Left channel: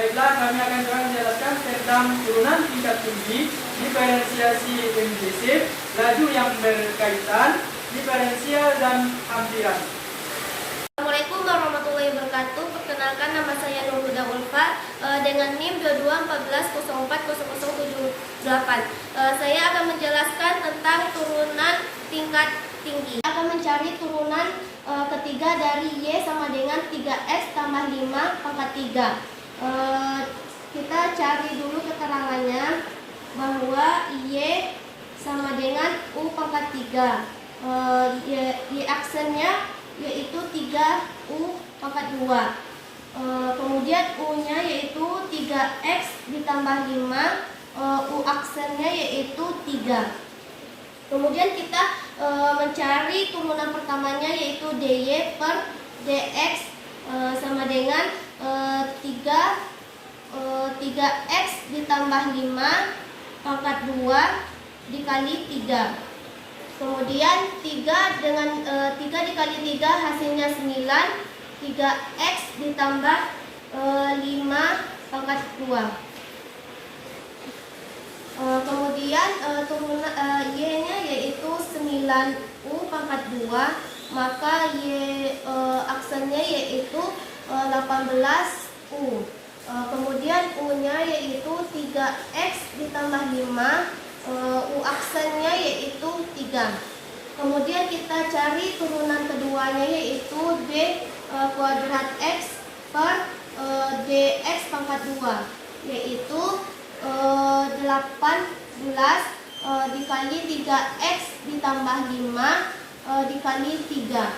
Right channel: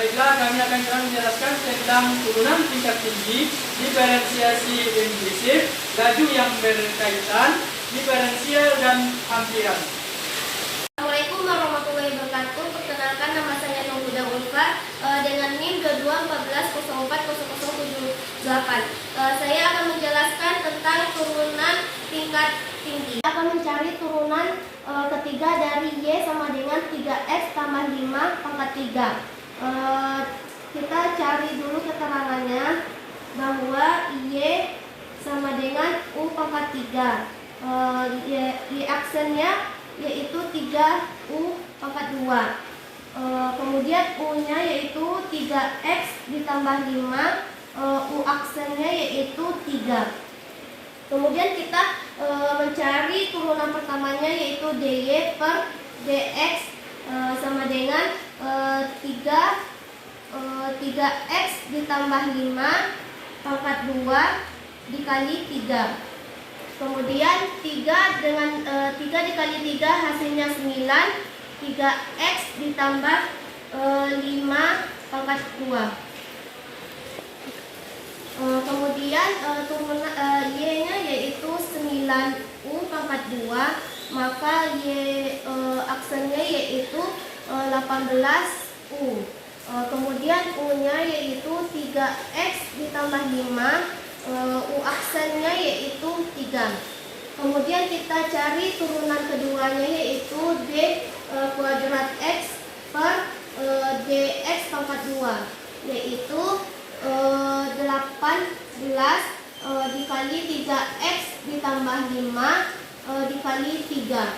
Baiklah, kami akan coba menjelaskan tentang turunan tingkat tinggi, diferensiasi implisif, laju yang berkaitan, diferensial dan hampiran. Assalamualaikum warahmatullahi wabarakatuh. Perkenalkan, nama saya Nur Huda Ulfa dengan NIM 2214040078. Saya akan menjelaskan tentang turunan tingkat tinggi. Akan mencari turunan ketiga dari Y sama dengan 3X tambah 5 pangkat 3. Kita cari dulu keterangannya bahwa Y sama dengan U pangkat 3. Y aksennya yaitu 3U pangkat 2. Kemudian U-nya yaitu 3X ditambah 5, U aksennya yaitu 3. Kemudian kita mencari turunan pertamanya yaitu DY per DX sama dengan 3X ditambah 5 pangkat 2 dikali 3. Kemudian 3 dikali 3 hasilnya 9. 3X ditambah 5 pangkat 2. Kemudian turunan Y-nya yaitu 9U pangkat 2, maka Y aksennya yaitu 18U. Kemudian U-nya yaitu 3X ditambah 5, U aksennya yaitu 3. Kemudian kita cari turunan keduanya yaitu D kuadrat X per DX pangkat 2, yaitu 18 dikali 3X ditambah 5 dikali 3.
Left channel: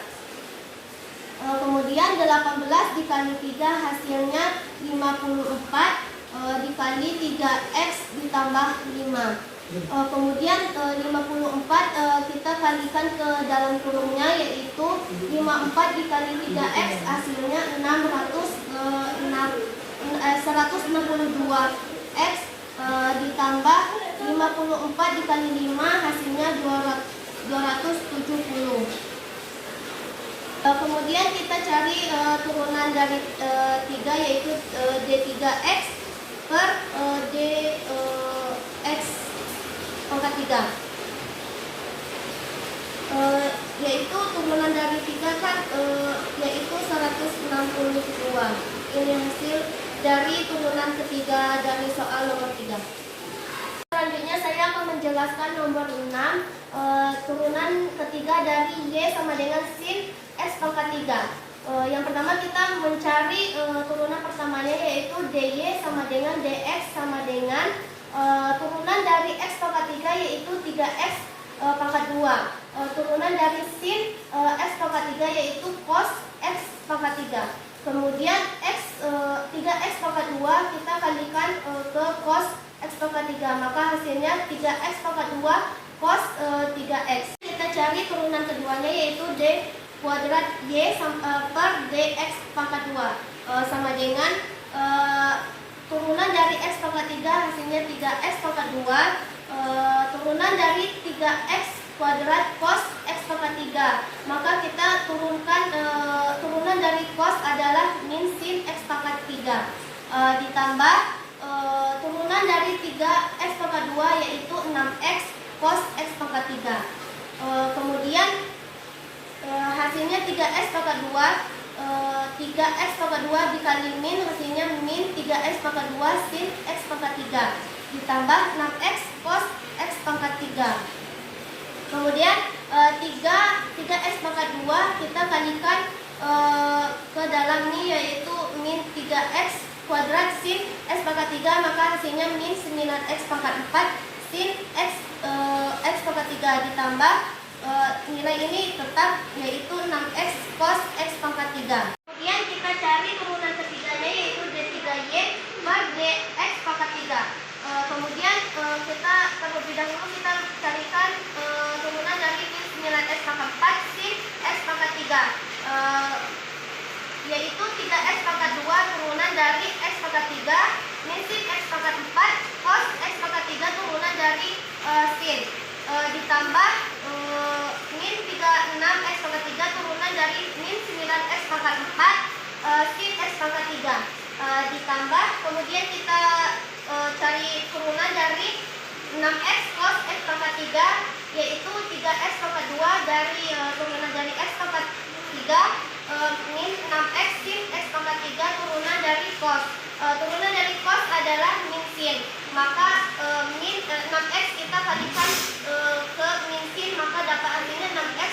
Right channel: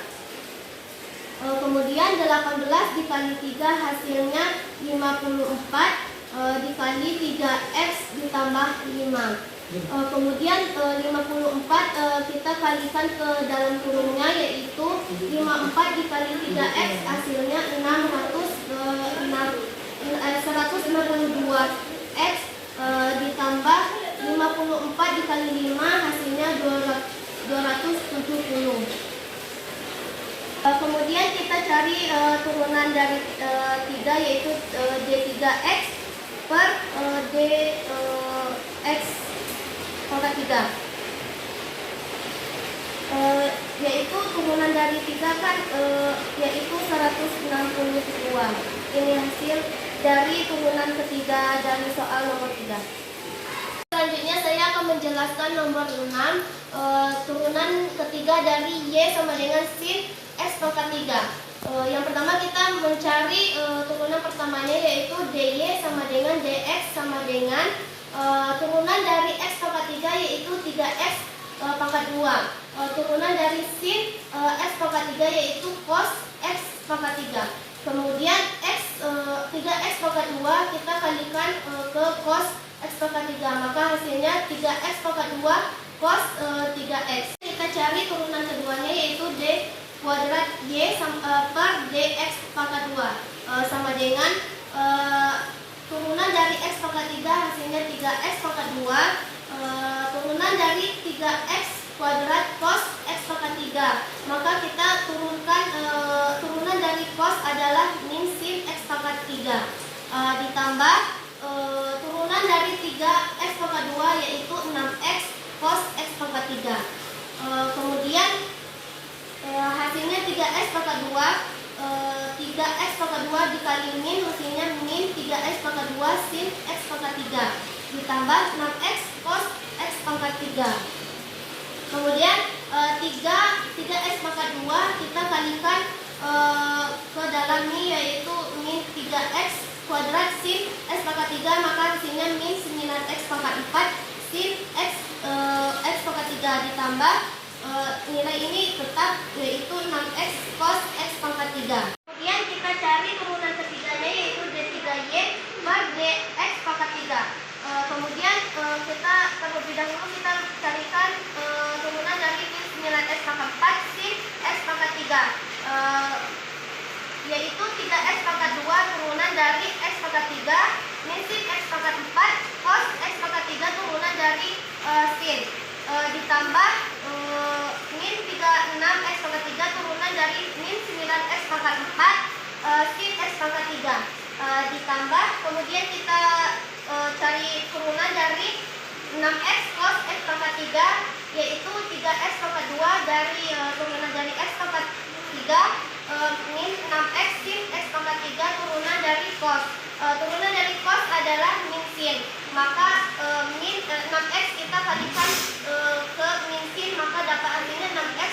Kemudian 18 dikali 3 hasilnya 54 dikali 3X ditambah 5. Kemudian 54 kita kalikan ke dalam kurungnya yaitu 54 dikali 3X hasilnya 162X ditambah 54 dikali 5 hasilnya 270. Kemudian kita cari turunan dari 3 yaitu D3X per DX pangkat 3. Yaitu turunan dari 3 kan yaitu 162. Ini hasil dari turunan ketiga dari soal nomor 3. Selanjutnya saya akan menjelaskan nomor 6, turunan ketiga dari Y sama dengan sin X pangkat 3. Yang pertama kita mencari turunan pertamanya yaitu DY sama dengan DX sama dengan turunan dari X pangkat 3 yaitu 3X pangkat 2. Turunan dari sin X pangkat 3 yaitu cos X pangkat 3. Kemudian 3X pangkat 2 kita kalikan ke cos X pangkat 3, maka hasilnya 3X pangkat 2 cos 3X. Kita cari turunan keduanya yaitu D kuadrat Y per DX pangkat 2 sama dengan turunan dari X pangkat 3 hasilnya 3X pangkat 2, turunan dari 3X kuadrat cos X pangkat 3, maka kita turunkan turunan dari cos adalah min sin X pangkat 3 ditambah turunan dari 3X pangkat 2 yaitu 6X cos X pangkat 3. Kemudian hasilnya 3X pangkat 2, 3X pangkat 2 dikali min hasilnya min 3X pangkat 2 sin X pangkat 3 ditambah 6X cos X pangkat 3. Kemudian 3X pangkat 2 kita kalikan ke dalam min yaitu min 3X kuadrat sin X pangkat 3, maka hasilnya min 9X pangkat 4 sin X pangkat 3 ditambah nilai ini tetap yaitu 6X cos X pangkat 3. Kemudian kita cari turunan ketiganya yaitu D3Y per DX pangkat 3. Kemudian kita terlebih dahulu kita carikan turunan dari min 9X pangkat 4 sin X pangkat 3, yaitu 3X pangkat 2 turunan dari X pangkat 3 min sin X pangkat 4 cos X pangkat 3 turunan dari sin ditambah min 36X pangkat 3 turunan dari min 9X pangkat 4 sin X pangkat 3 ditambah, kemudian kita cari turunan dari 6x cos x pangkat 3, yaitu 3x pangkat 2 dari turunan dari x pangkat 3 min 6x sin x pangkat 3 turunan dari cos. Turunan dari cos adalah min sin, maka min 6x kita kalikan ke min sin, maka dapat artinya 6x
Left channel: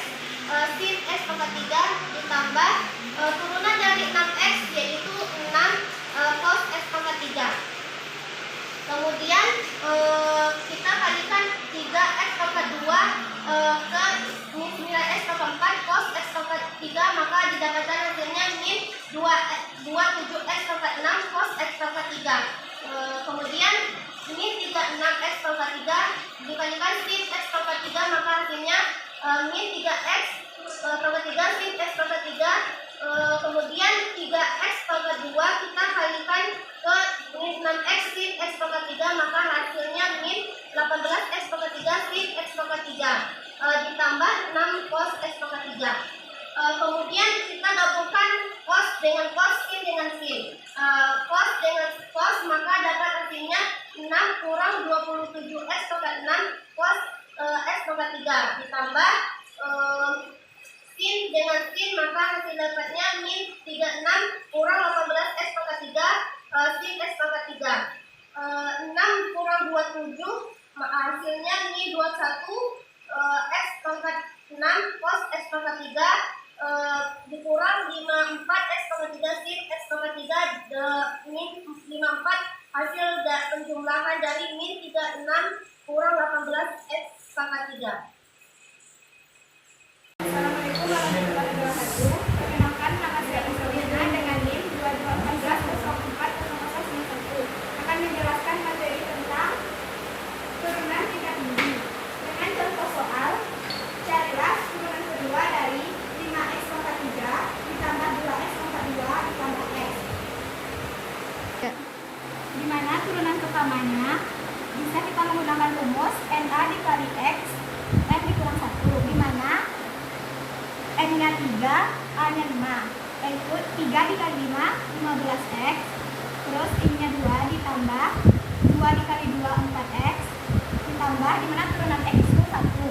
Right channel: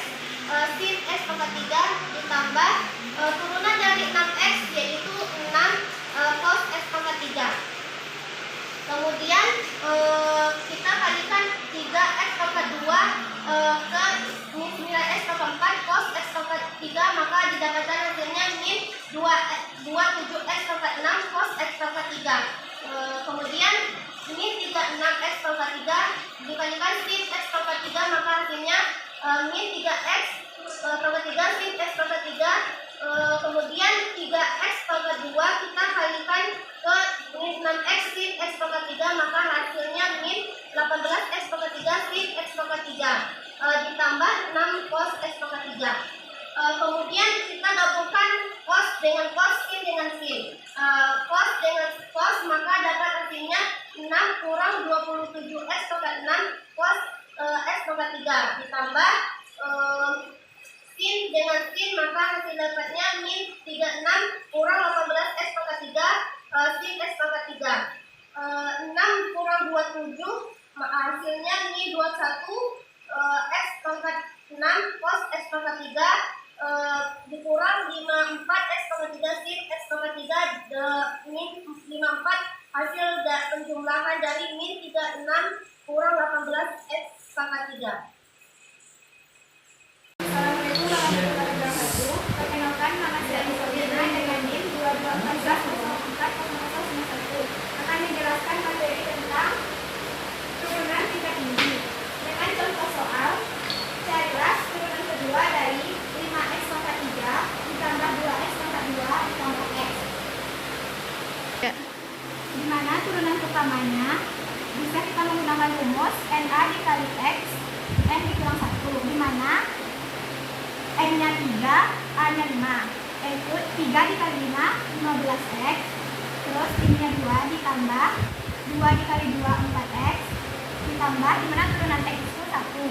sin x pangkat 3 ditambah turunan dari 6x yaitu 6 cos x pangkat 3. Kemudian kita kalikan 3x pangkat 2 ke min 9x pangkat 4 cos x pangkat 3, maka didapatkan hasilnya min 27x pangkat 6 cos x pangkat 3. Kemudian min 36x pangkat 3 dikalikan sin x pangkat 3, maka hasilnya min 3x pangkat 3 sin x pangkat 3. Kemudian 3x pangkat 2 kita kalikan ke min 6x sin x pangkat 3, maka hasilnya min 18x pangkat 3 sin x pangkat 3 ditambah 6 cos x pangkat 3. Kemudian kita gabungkan cos dengan cos, sin dengan sin. Cos dengan cos, maka dapat hasilnya 6 kurang 27x pangkat 6 cos x pangkat 3 ditambah sin dengan sin, maka hasil dapatnya min 36 kurang 18x pangkat 3 sin x pangkat 3. 6 kurang 27 hasilnya min 21 x pangkat 6 cos x pangkat 3 dikurang 54 x pangkat 3 sin x pangkat 3 min 54, hasil penjumlahan dari min 36 kurang 18 x pangkat 3. Assalamualaikum warahmatullahi wabarakatuh. Perkenalkan, nama saya Isolina dengan NIM 22140401. Akan menjelaskan materi tentang turunan tingkat tinggi. Dengan contoh soal, carilah turunan kedua dari 5x pangkat 3 ditambah 2x pangkat 2 ditambah x. Di mana turunan pertamanya bisa kita menggunakan rumus NA dikali x n dikurang 1, di mana n-nya 3, a-nya 5, yaitu 3 dikali 5, 15x, terus ini-nya 2 ditambah 2 dikali 2, 4x, ditambah dimana turunan x itu 1.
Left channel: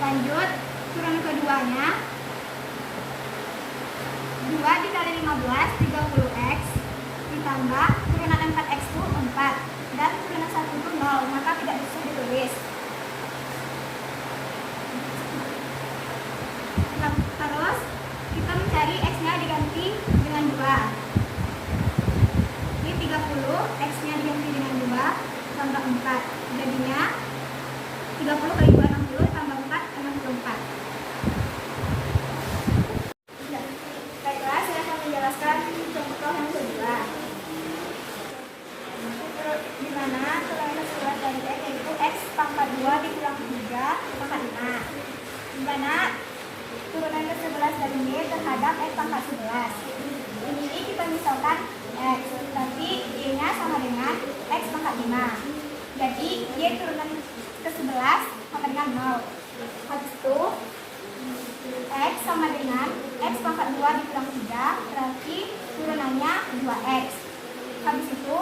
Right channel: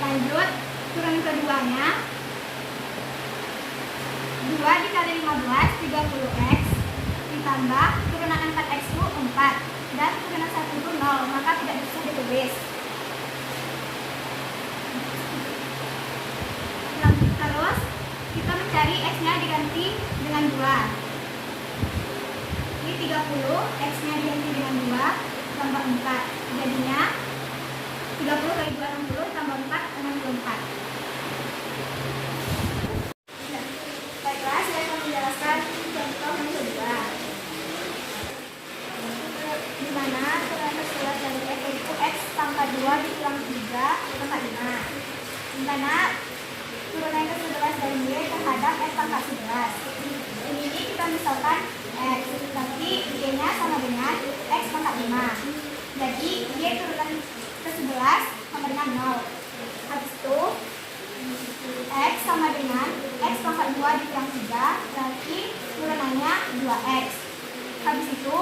Lanjut, turunan keduanya 2 dikali 15, 30x, ditambah turunan 4x itu 4, dan turunan 1 itu 0, maka tidak bisa ditulis. Terus kita mencari x-nya diganti dengan 2. Ini 30, x-nya diganti dengan 2 tambah 4. Jadinya 30 kali 2 60 tambah 4 64. Baiklah, saya akan menjelaskan contoh yang kedua. Di mana turunan ke-11 dari x yaitu x pangkat 2 dikurang 3 pangkat 5. Di mana turunan ke-11 dari y terhadap x pangkat 11. Ini kita misalkan x, berarti y-nya sama dengan x pangkat 5. Jadi y turunan ke-11 sama dengan 0. Habis itu x sama dengan x pangkat 2 dikurang 3, berarti turunannya 2x. Habis itu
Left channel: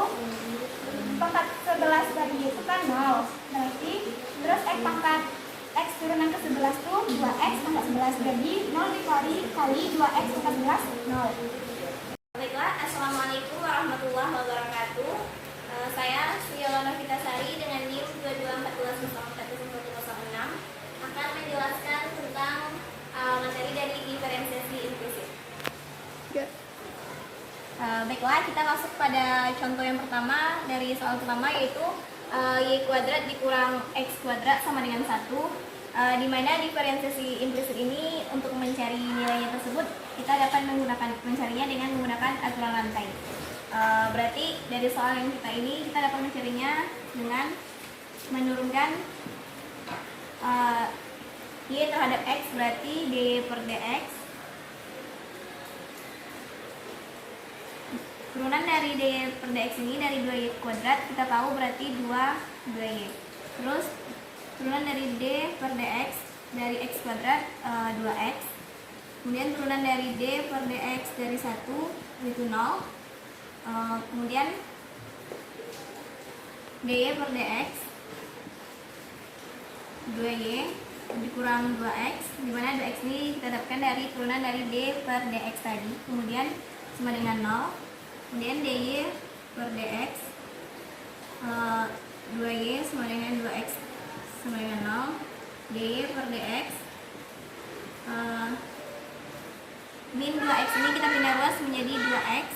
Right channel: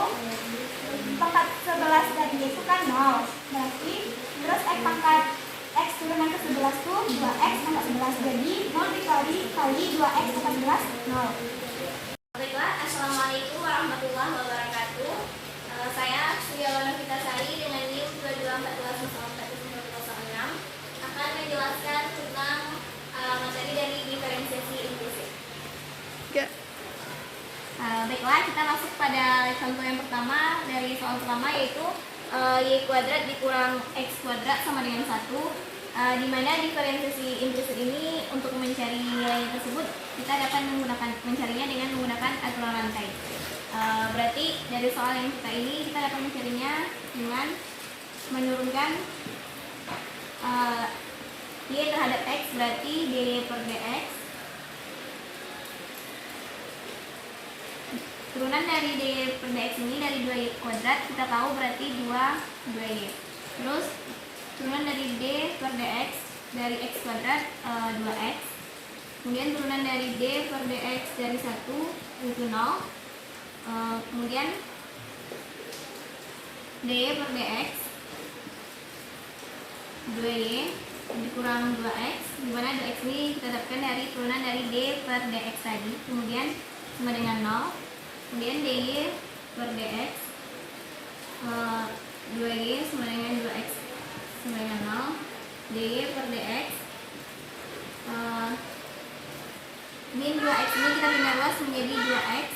pangkat 11 dari y itu kan 0, berarti terus x turunan ke-11 itu 2x pangkat 11, jadi 0 dikali 2x pangkat 11, 0. Baiklah, Assalamualaikum warahmatullahi wabarakatuh. Saya Suyawana Fitasari dengan NIM 2214044006 akan menjelaskan tentang materi dari diferensiasi implisit. Baiklah, kita masuk pada contoh yang pertama dari soal pertama, yaitu y kuadrat dikurang x kuadrat sama dengan 1, di mana diferensiasi implisit ini untuk mencari nilainya tersebut kita dapat mencarinya dengan menggunakan aturan rantai. Berarti dari soal yang kita ini kita dapat mencarinya dengan menurunkan y terhadap x, berarti dy per dx. Turunan dari dy per dx ini dari 2y kuadrat kita tahu berarti 2y. Terus turunan dari d per dx dari x kuadrat 2x Kemudian turunan dari D per dx dari 1 itu 0. Kemudian dy per dx 2y dikurang 2x, di mana 2x ini kita dapatkan dari turunan dari D per dx tadi. Kemudian sama dengan 0. Kemudian dy per dx 2y sama dengan 2x sama dengan 0. dy per dx min 2x ini kita pindah ruas menjadi 2x.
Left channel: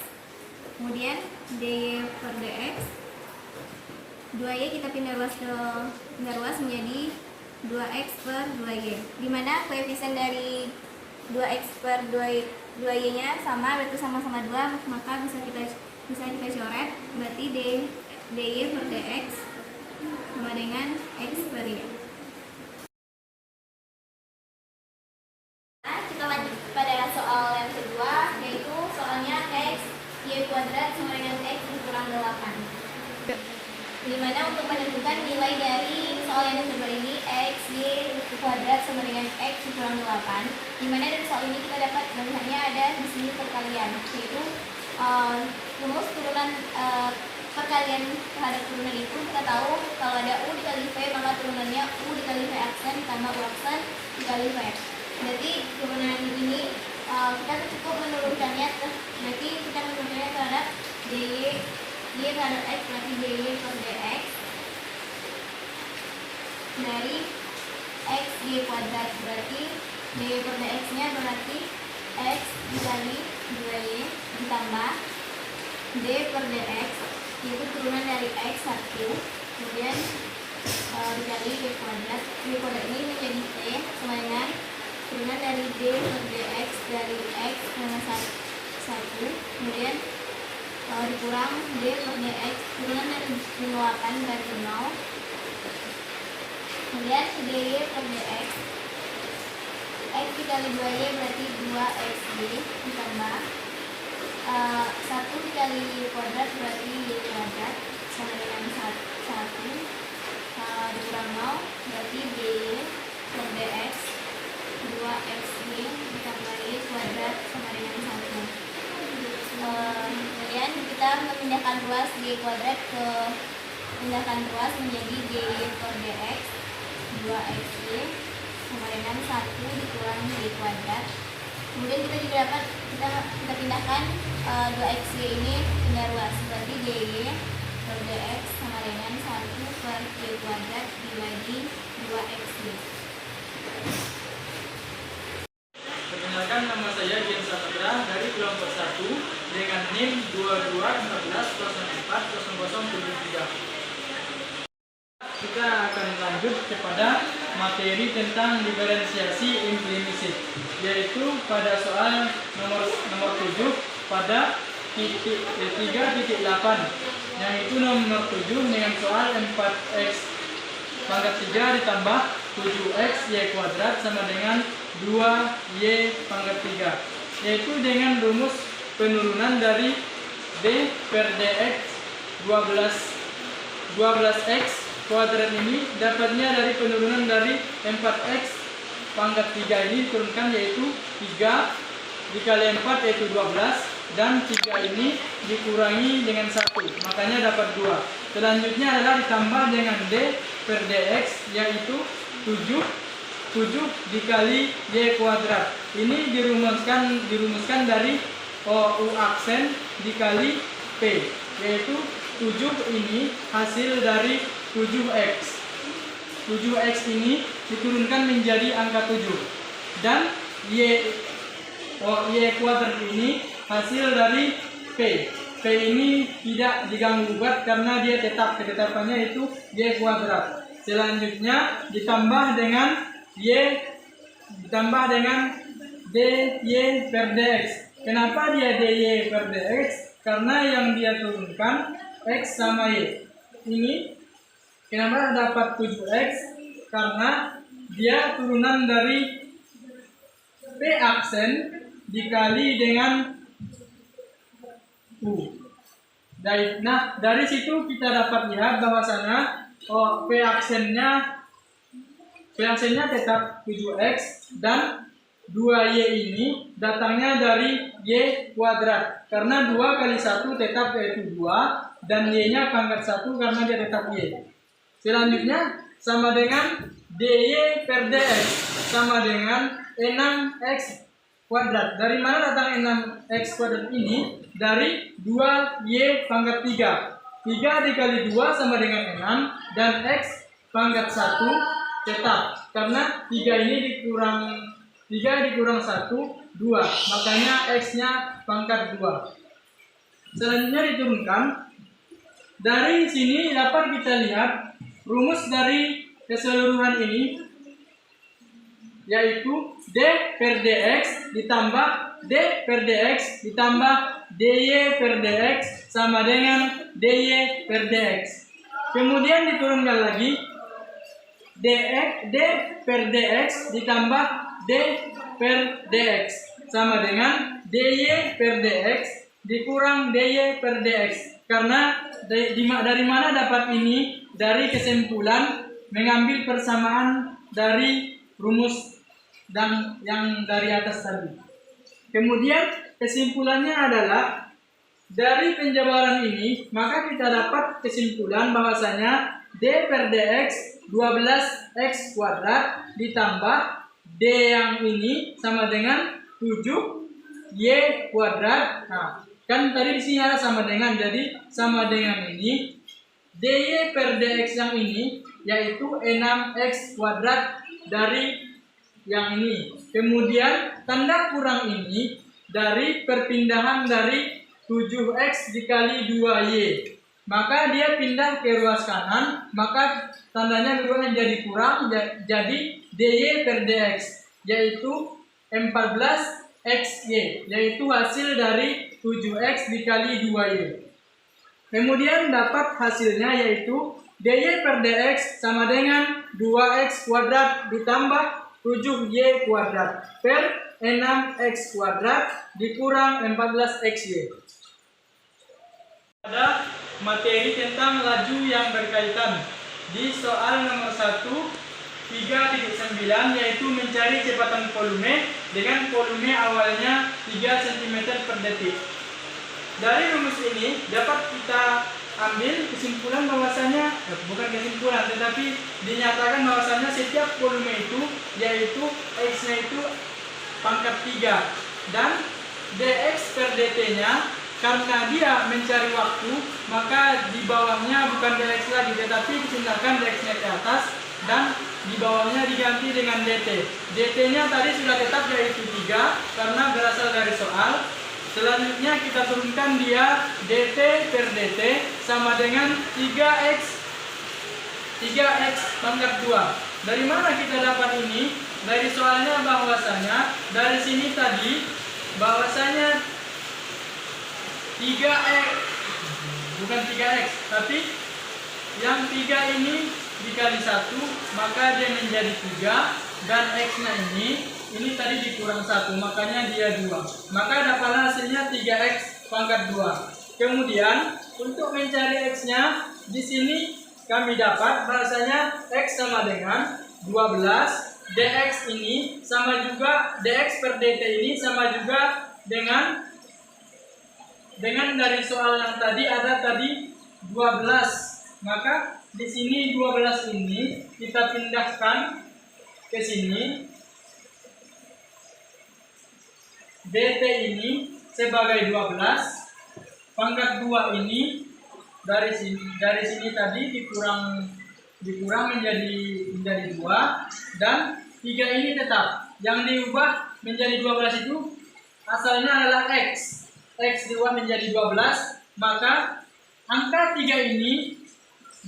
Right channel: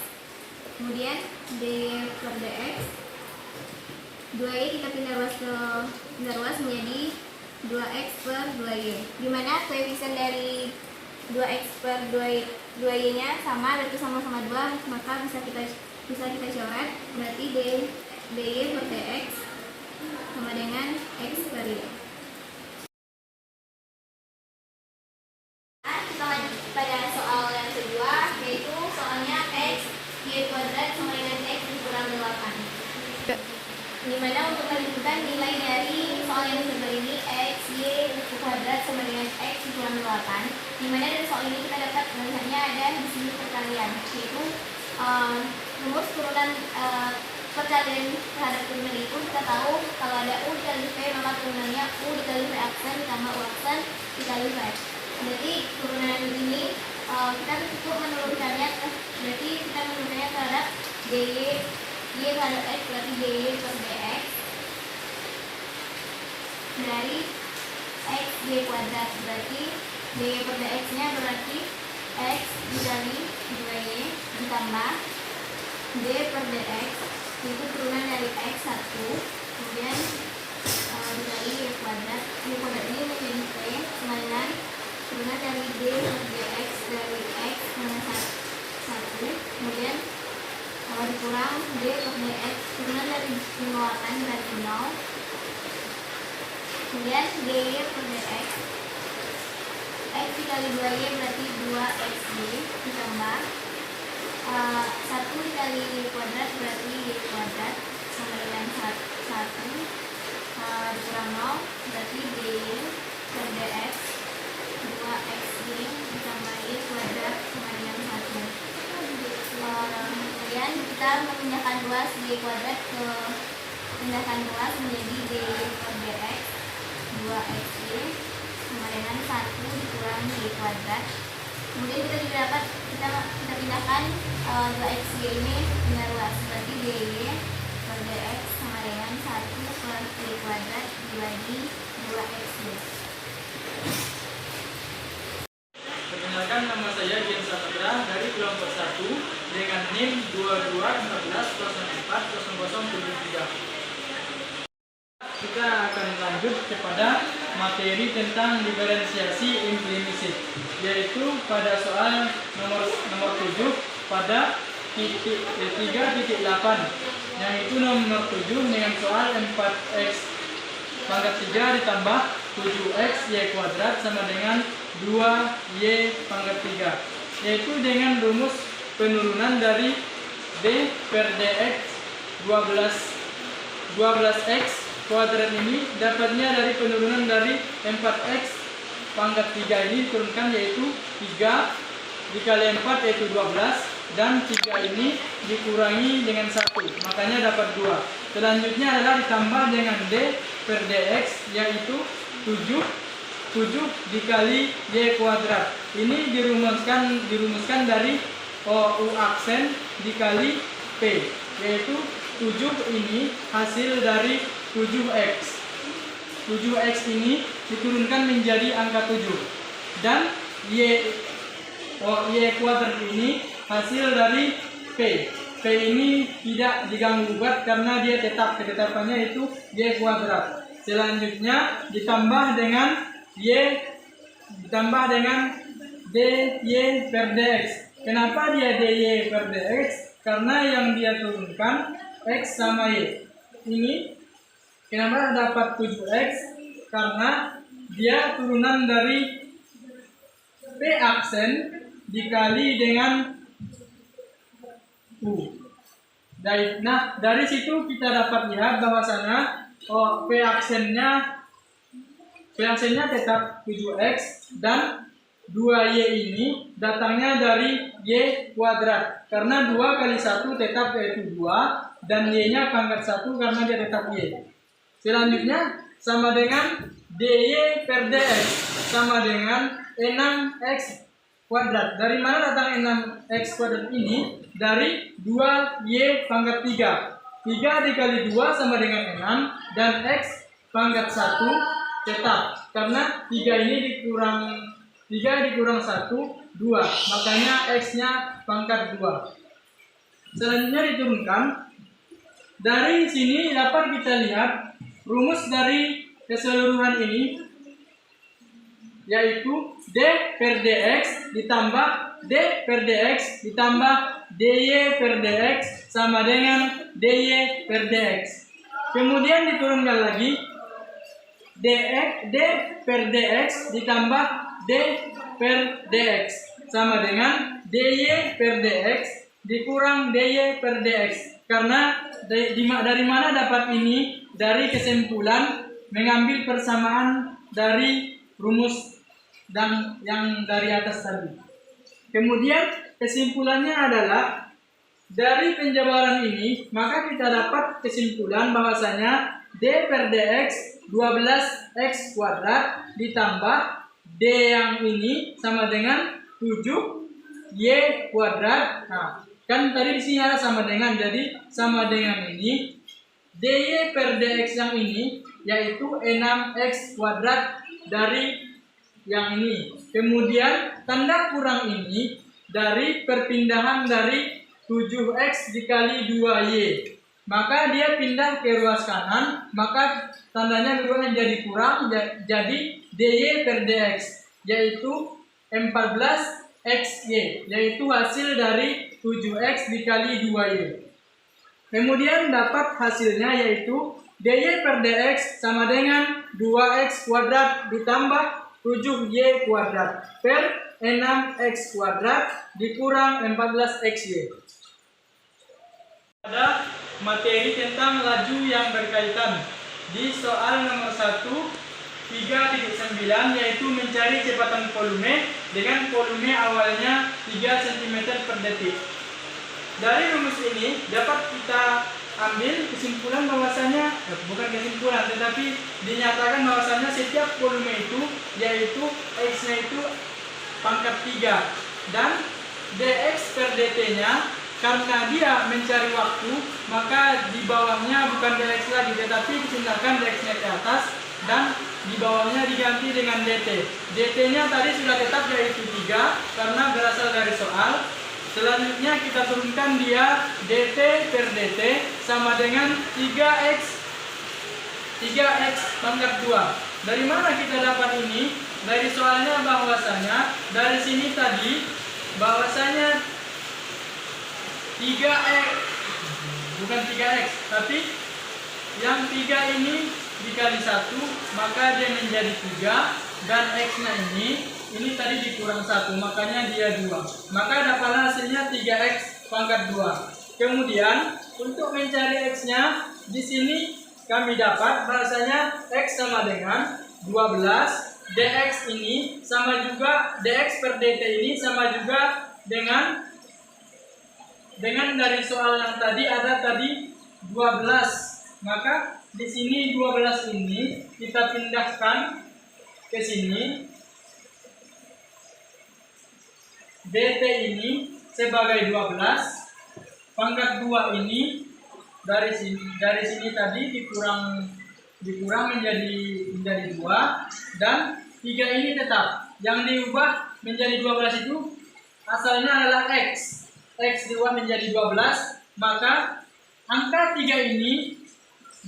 Kemudian dy per dx 2y kita pindah ruas menjadi 2x per 2y, dimana koefisien dari 2x per 2y nya sama, berarti sama-sama 2, maka bisa kita coret, berarti dy per dx sama dengan x per y. Kita lanjut pada soal yang kedua, yaitu soalnya x y kuadrat sama dengan x dikurang 8, dimana untuk menentukan nilai dari soal yang kedua ini x y kuadrat sama dengan x dikurang 8, dimana dari soal ini kita dapat melihatnya ada di sini perkalian, yaitu rumus turunan perkalian terhadap turunan itu kita tahu kalau ada u dikali v maka turunannya u dikali v aksen tambah u aksen dikali v. Berarti turunan ini kita cukup menurunkannya, berarti kita menurunkannya terhadap dy y terhadap x, berarti dy per dx dari x y kuadrat, berarti dy per dx nya berarti x dikali 2y ditambah d per dx, itu turunan dari x 1, kemudian dikali y kuadrat ini menjadi p sama dengan turunan dari d per dx dari x minus 1, kemudian dikurang d per dx turunan dari 8 berarti 0, kemudian dy per dx x dikali 2y berarti 2xd ditambah 1 dikali y kuadrat berarti y kuadrat sama dengan 1 dikurang 0 berarti dy per dx 2xd ditambah y kuadrat sama dengan 1. Kemudian kita memindahkan ruas y kuadrat ke pindahkan ruas menjadi dy per dx 2xy sama dengan 1 dikurang y kuadrat. Kemudian kita juga dapat kita pindahkan 2xy ini pindah ruas, berarti dy per dx sama dengan 1 per y kuadrat dibagi 2xy. Perkenalkan, nama saya Gian Saputra dari kelompok 1 dengan NIM 2214040073. Kita akan lanjut kepada materi tentang diferensiasi implisit, yaitu pada soal nomor 7 pada titik 3.8, yang itu nomor 7 dengan soal 4x pangkat 3 ditambah 7x y kuadrat sama dengan 2y pangkat 3, yaitu dengan rumus penurunan dari d per dx 12x kuadrat ini dapatnya dari penurunan dari 4x pangkat 3 ini diturunkan, yaitu 3 dikali 4 yaitu 12, dan 3 ini dikurangi dengan 1 makanya dapat 2. Selanjutnya adalah ditambah dengan d per dx, yaitu 7 dikali y kuadrat. Ini dirumuskan dari u aksen dikali p, yaitu 7 ini hasil dari 7x. 7x ini diturunkan menjadi angka 7, dan y kuadrat ini hasil dari p. P ini tidak diganggu gugat karena dia tetap, ketetapannya itu y kuadrat. Selanjutnya ditambah dengan dy per dx. Kenapa dia dy per dx? Karena yang dia turunkan x sama y. Ini kenapa dapat 7x? Karena dia turunan dari p aksen dikali dengan u. Nah, dari situ kita dapat lihat bahwasanya p aksennya tetap 7x, dan 2Y ini datangnya dari Y kuadrat. Karena 2 kali 1 tetap yaitu 2. Dan Y-nya pangkat 1 karena dia tetap Y. Selanjutnya sama dengan DY per DX sama dengan 6X kuadrat. Dari mana datang 6X kuadrat ini? Dari 2Y pangkat 3. 3 dikali 2 sama dengan 6. Dan X pangkat 1 tetap. Karena 3 ini dikurang 1, 2. Makanya X-nya pangkat 2. Selanjutnya diturunkan. Dari sini dapat kita lihat rumus dari keseluruhan ini, yaitu D per DX ditambah D per DX ditambah DY per DX sama dengan DY per DX. Kemudian diturunkan lagi D per DX ditambah D per DX sama dengan DY per DX dikurang DY per DX. Karena dari mana dapat ini? Dari kesimpulan mengambil persamaan dari rumus dan yang dari atas tadi. Kemudian kesimpulannya adalah dari penjabaran ini maka kita dapat kesimpulan bahwasanya D per DX 12X kuadrat ditambah D yang ini sama dengan 7Y kuadrat. Nah, kan tadi di sini ada sama dengan, jadi sama dengan ini DY per DX yang ini yaitu 6X kuadrat dari yang ini. Kemudian tanda kurang ini dari perpindahan dari 7X dikali 2Y. Maka dia pindah ke ruas kanan, maka tandanya berubah menjadi kurang, jadi DY per DX yaitu 14XY, yaitu hasil dari 7X dikali 2Y. Kemudian dapat hasilnya yaitu DY per DX sama dengan 2X kuadrat ditambah 7Y kuadrat per 6X kuadrat dikurang 14XY. Ada materi tentang laju yang berkaitan di soal nomor 1 3.9 yaitu mencari kecepatan volume dengan volume awalnya 3 cm per detik. Dari rumus ini dapat kita ambil kesimpulan bahwasanya bukan kesimpulan tetapi dinyatakan bahwasanya setiap volume itu yaitu X-nya itu pangkat 3 dan dx per dt-nya karena dia mencari waktu maka di bawahnya bukan dx lagi tetapi dipindahkan dx-nya ke atas dan di bawahnya diganti dengan dt. dt-nya tadi sudah tetap yaitu 3 karena berasal dari soal. Selanjutnya kita turunkan dia dt per dt sama dengan 3x pangkat 2. Dari mana kita dapat ini? Dari soalnya bahwasanya dari sini tadi bahwasanya 3x bukan 3x tapi yang 3 ini dikali 1 maka dia menjadi 3 dan x-nya ini tadi dikurang 1 makanya dia 2. Maka dapatlah hasilnya 3x pangkat 2. Kemudian untuk mencari x-nya di sini kami dapat bahasanya x sama dengan 12 dx ini sama juga dx per dt ini sama juga dengan dari soal yang tadi ada tadi 12. Maka di sini 12 ini kita pindahkan ke sini. dt ini sebagai 12 pangkat 2 ini dari sini tadi dikurang menjadi 2 dan 3 ini tetap. Yang diubah menjadi 12 itu asalnya adalah x diubah menjadi 12, maka angka 3 ini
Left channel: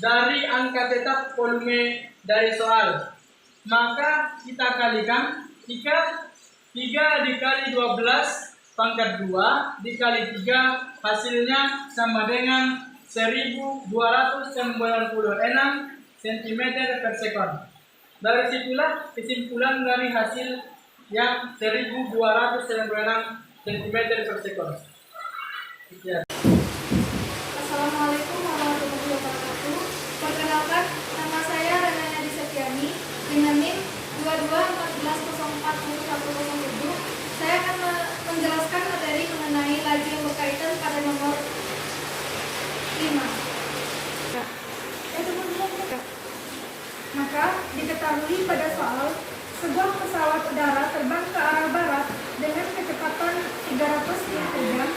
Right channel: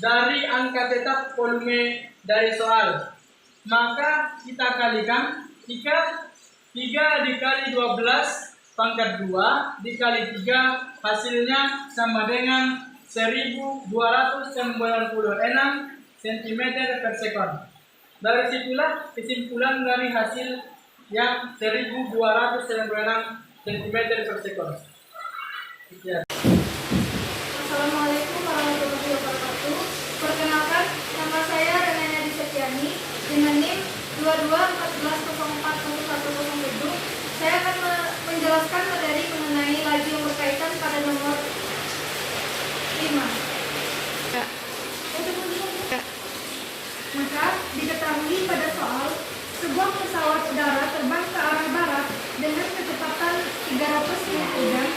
dari angka tetap volume dari soal. Maka kita kalikan 3 dikali 12 pangkat 2 dikali 3 hasilnya sama dengan 1296 cm per sekon. Dari situlah kesimpulan dari hasil yang 1296 cm per sekon. Ya. Assalamualaikum warahmatullahi wabarakatuh. Perkenalkan, nama saya Renaya Disetyani dengan NIM 2214041103 merupakan materi mengenai laju yang berkaitan pada nomor 5. Maka diketahui pada soal sebuah pesawat udara terbang ke arah barat dengan kecepatan 300 mil per jam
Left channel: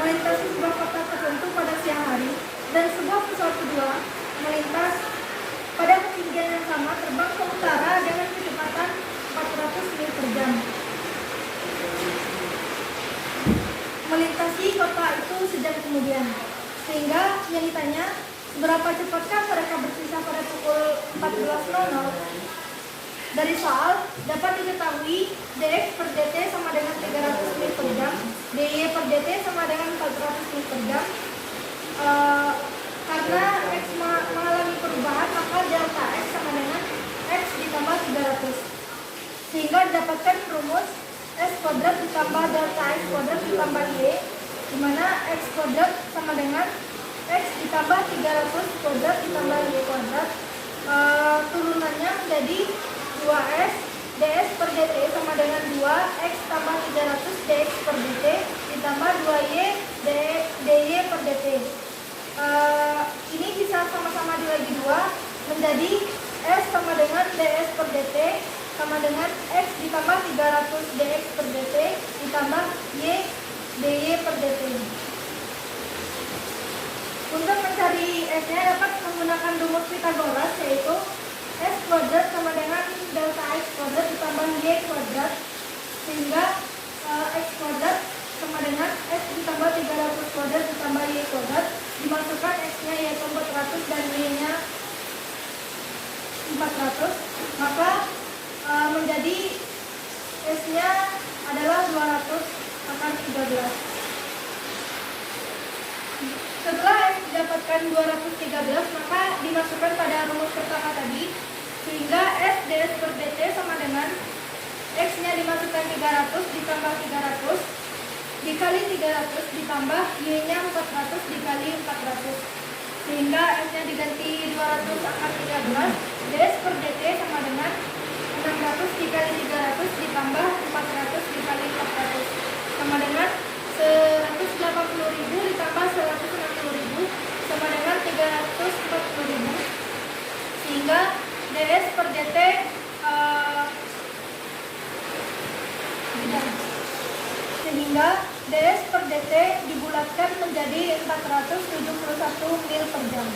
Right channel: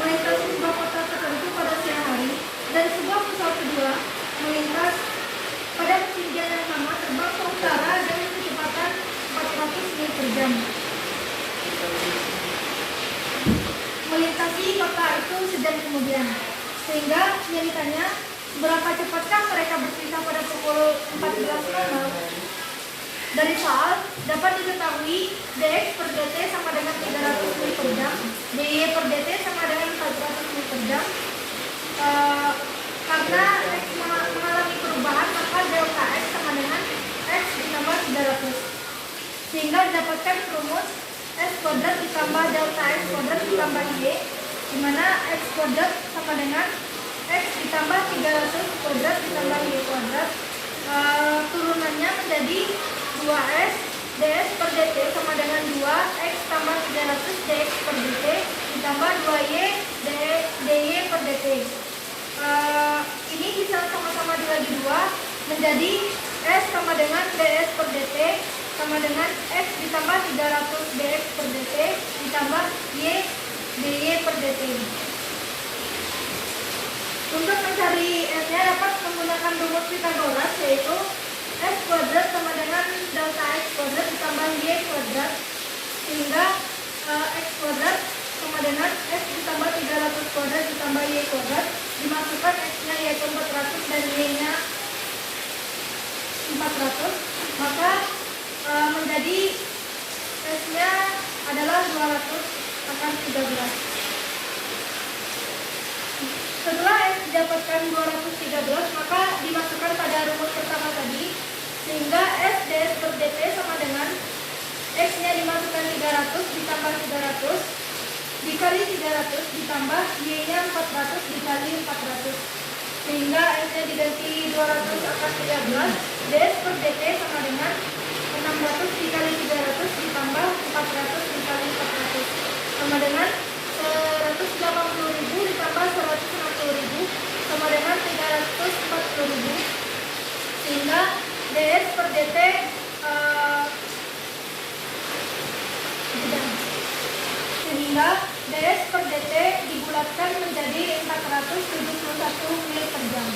melintasi sebuah kota tertentu pada siang hari, dan sebuah pesawat kedua melintas pada ketinggian yang sama terbang ke utara dengan kecepatan 400 mil per jam. Melintasi kota itu sejam kemudian. Sehingga yang ditanya, berapa cepatkah mereka berpisah pada pukul 14.00? Dari soal dapat diketahui dx per dt sama dengan 300 mil per jam, dy per dt sama dengan 400 mil per jam. Karena x mengalami perubahan, maka delta x sama dengan x ditambah 300. Sehingga didapatkan rumus s kuadrat ditambah delta x kuadrat ditambah y, di mana x kuadrat sama dengan x ditambah 300 kuadrat ditambah y kuadrat. Turunannya menjadi 2s ds per dt sama dengan 2x tambah 300 dx per dt ditambah 2y dy per dt. Ini bisa sama-sama dibagi 2 menjadi s sama dengan ds per dt sama dengan x ditambah 300 dx per dt ditambah y dy per dt. Untuk mencari s-nya dapat menggunakan rumus Pythagoras, yaitu s kuadrat sama dengan delta x kuadrat ditambah y kuadrat, sehingga x kuadrat sama dengan x ditambah 300 kuadrat ditambah y kuadrat, dimasukkan x-nya yaitu 400 dan y-nya 400, maka menjadi s-nya adalah 200 akan 13. Setelah x didapatkan 213, maka dimasukkan pada rumus pertama tadi, sehingga s ds per dt sama dengan x-nya dimasukkan 300 ditambah 300 dikali 300 ditambah y-nya 400 dikali 400, sehingga s-nya diganti 200 akan 13. ds per dt sama dengan 600 dikali 300 ditambah 400 dikali 400 sama dengan 180.000 ditambah 160.000 sama dengan 340.000, sehingga ds per dt dibulatkan menjadi 471 mil per jam.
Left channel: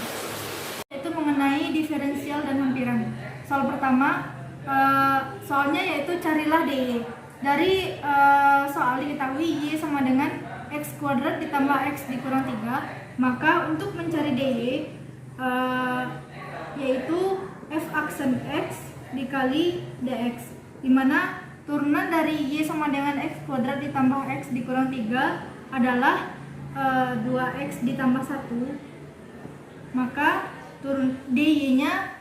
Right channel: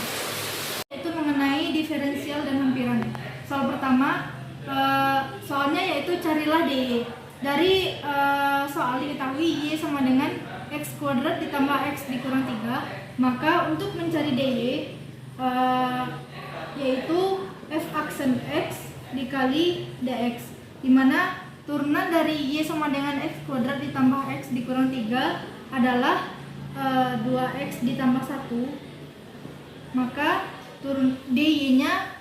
Itu mengenai diferensial dan hampiran. Soal pertama, soalnya yaitu carilah dy. Dari soal diketahui y sama dengan x kuadrat ditambah x dikurang 3, maka untuk mencari dy yaitu f aksen x dikali dx, dimana turunan dari y sama dengan x kuadrat ditambah x dikurang 3 adalah 2x ditambah 1, maka turun dy nya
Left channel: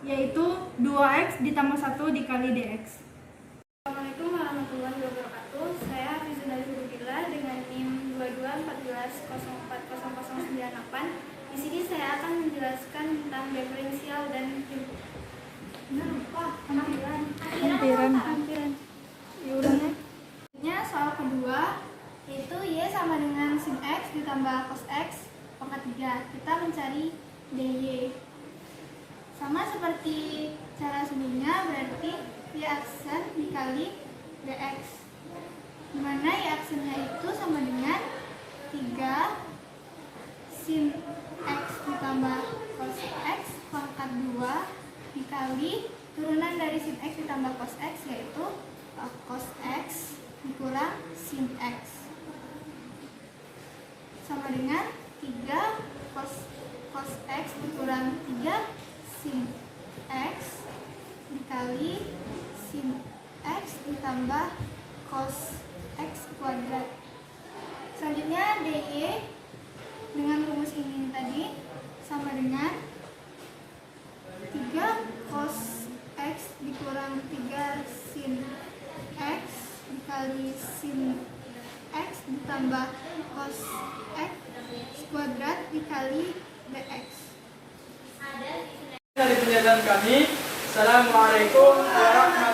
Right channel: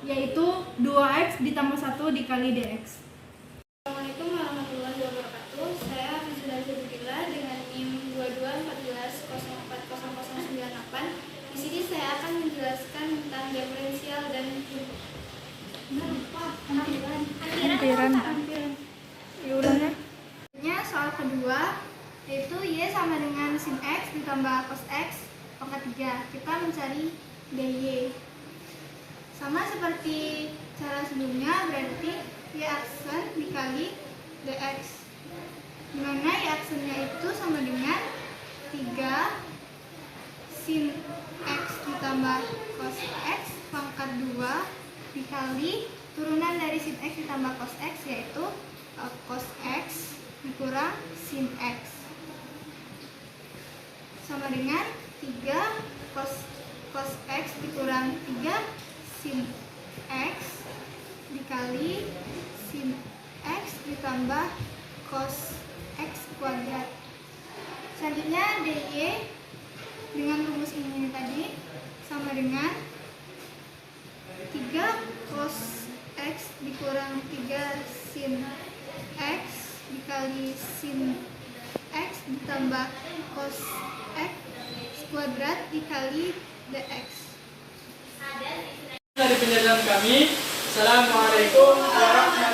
yaitu 2x ditambah 1 dikali dx. Assalamualaikum warahmatullahi wabarakatuh. Saya Hafizullah Zubikillah dengan NIM 2214040098. Di sini saya akan menjelaskan tentang diferensial dan Hampiran. Diulangnya. Soal kedua yaitu y sama dengan sin x ditambah cos x pangkat 3. Kita mencari dy. Sama seperti cara sebelumnya, berarti y aksen dikali dx, dimana y aksennya itu sama dengan 3 sin x ditambah cos x pangkat 2 dikali turunan dari sin x ditambah cos x, yaitu cos x dikurang sin x, sama dengan 3 cos x dikurang 3 sin x dikali sin x ditambah cos x kuadrat. Selanjutnya dy dengan rumus ini tadi sama dengan 3 cos x dikurang 3 sin x dikali sin x ditambah cos x kuadrat dikali dx. Dari penjelasan kami, Assalamualaikum warahmatullahi wabarakatuh.